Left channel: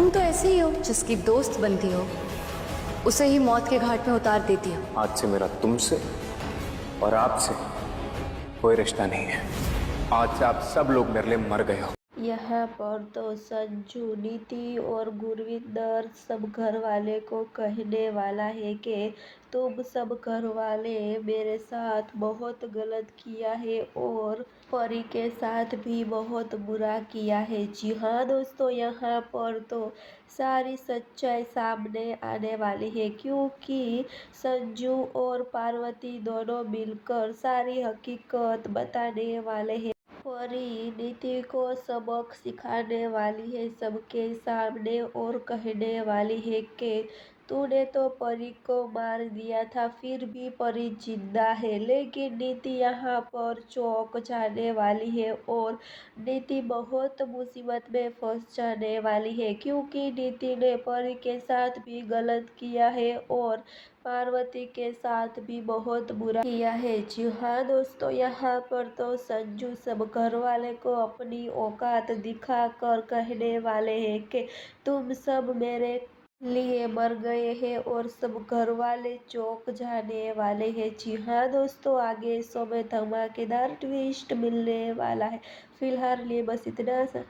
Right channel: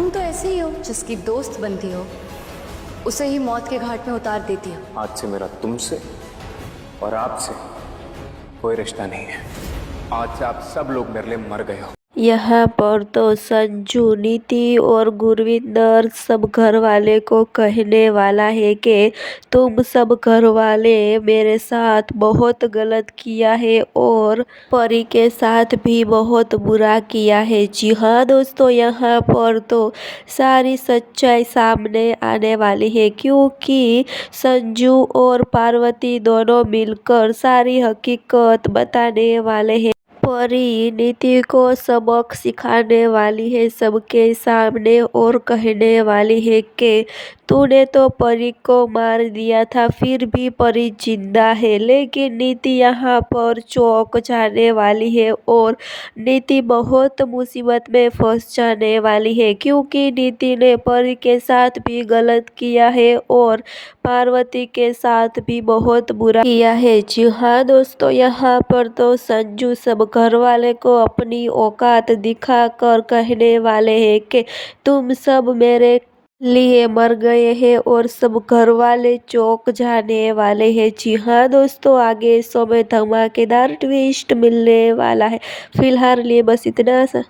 तुम तो ऐसे ही हो जिसकी दोस्त बनती हो उसे ही मौत के घाट में उतार देती हो। आज से मेरा तुमसे और आपसे कोई रिश्ता नहीं है। आज से आप सब लोग मेरे लिए मर गए हो। यहाँ पर तो संजू, नीति और गुरविंदर सब घर वाले को कहने वाला है कि तुम सब घर वाले मेरे साथ बहुत गलत किया है और परी के साथ भी बहुत बुरा किया है। जी हाँ दोस्तों, यहाँ पर तो सारी सच्चाई सामने आने वाली है, क्योंकि संजू और पार्वती दोनों मिलकर सारी हकीकत बताने वाले हैं। परी नीति को सबक सिखाने वाली है सबके सामने और कहने वाली है कि तूने तो परी को मार दिया था, फिर भी परी जिंदा है। लेकिन नीति यहाँ पर चौंक जाने वाली है और नीति बहुत मुसीबत में फंस जाने वाली है, क्योंकि नीति ने परी के साथ भी गलत किया है और पार्वती के साथ भी बहुत बुरा किया है। जी हाँ दोस्तों, यहाँ पर तो संजू सब घर वाले को अपनी औकात दिखाकर कहने वाले हैं कि तुम सब मेरे लिए मर गए हैं और सब घर वाले चौंक जाने वाले हैं। जी हाँ दोस्तों, आगे शो में धमाकेदार ट्विस्ट मिलने वाला है। फिलहाल लिए बस इतना सा।